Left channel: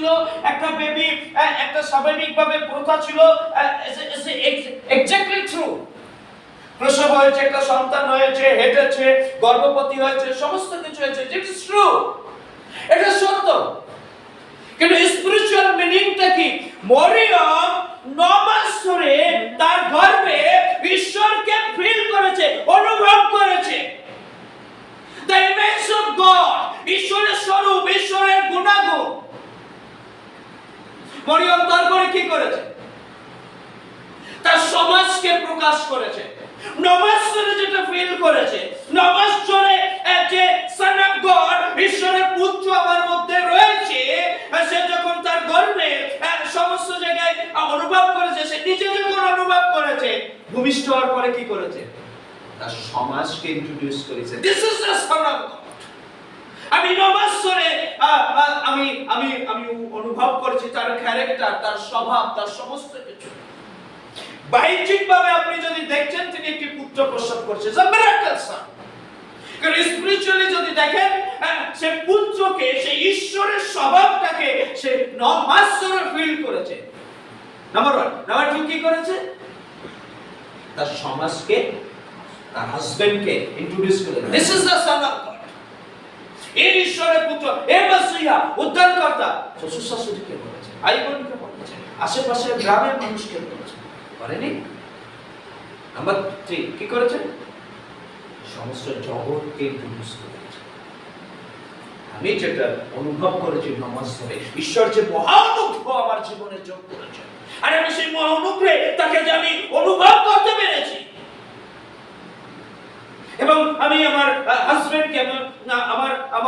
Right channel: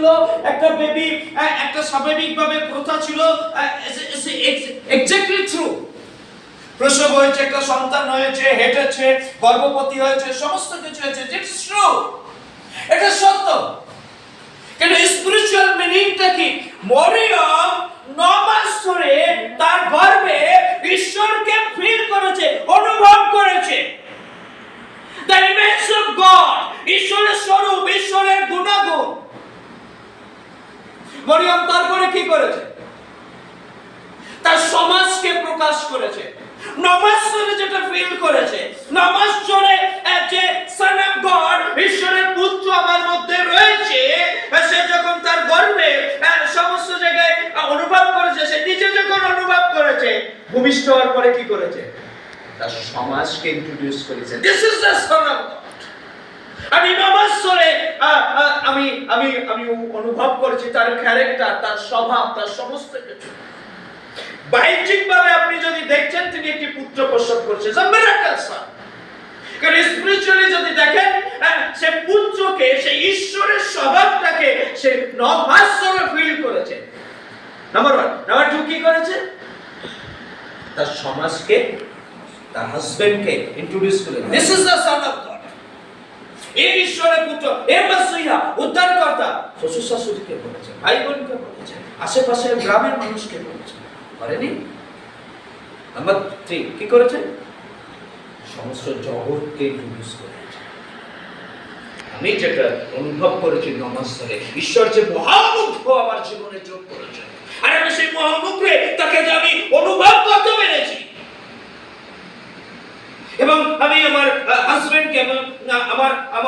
ছিল, একটা বেবি একটা স্বাভাবিকভাবে প্রথা ছিল এক্স্যাক্টলি ট্রু প্রসব হয়েছে, একটা সন্তান হয়েছে, হেঁটেছে, গর্ভবতী হয়েছে, সমস্ত কিছু হয়েছে ইটস ট্রু এটা সত্য। কিন্তু স্পিরিচুয়াল মিনিংটা কি? মরিয়ম নমাস ধরে তার গর্ভে ঈশ্বরকে ফিল করেছে, অনুভব করেছে। দ্য ইমেজ অফ গড ঈশ্বরের স্বরূপ, ঈশ্বরের মরিয়ম তারপরে কি করেছে? তার সমাজকে প্রকাশ করেছে। নমাজ ধরে যেটা ফিল করেছে। নমাজ আহ, যে সন অফ গড ঈশ্বরের পুত্র আমার মধ্যে রয়েছে। সে যখন তার গর্বে সমস্ত জায়গায় অনুভব করেছে সে নিজে যখন অনুভব করেছে ভূমিষ্ঠ হওয়ার পরে কি করেছে? তার সমাজকে ইন্ট্রোডিউস করেছে। This is the son of আমি নমাজ আহ, আমি আমি আমি অনুভব করেছি তার ক্যারেক্টার তার স্বভাব, তার সমস্ত কিছু। বাহ্যিক ভাবে আপনি যদি দেখছেন তিনি একটি পুত্র প্রসব করছে স্পিরিচুয়ালি যদি দেখেন সে পুত্রকে, সে ঈশ্বরের স্বভাবটাকে সে ধরে ফিল করেছে। নাম্বার ওয়ান নাম্বার টু কি করেছে? তার সমাজকে, তার হাজবেন্ডকে ইন্ট্রোডিউস করলেন this is the son of এই ঈশ্বরের পুত্র, এ মাসিহা, উদ্ধারকর্তা। শ্বশুর শাশুড়িকে বলেছে ভাই বোনকে বলেছে আশেপাশের গ্রামের মানুষকে বলেছে করেনি? নাম্বার থ্রি কি সমস্ত জগৎকে করেছে। আমি যেটা অনুভব করেছি নমাজ ধরে ঈশ্বর যে মহানুগ্রহ আমার জীবনে যোগ করেছে। আর আমি সেই মহানুগ্রহে তাকে যে আমি অনুভব করতে পেরেছি এবং আমি আমার হাজবেন্ডকে এবং আমার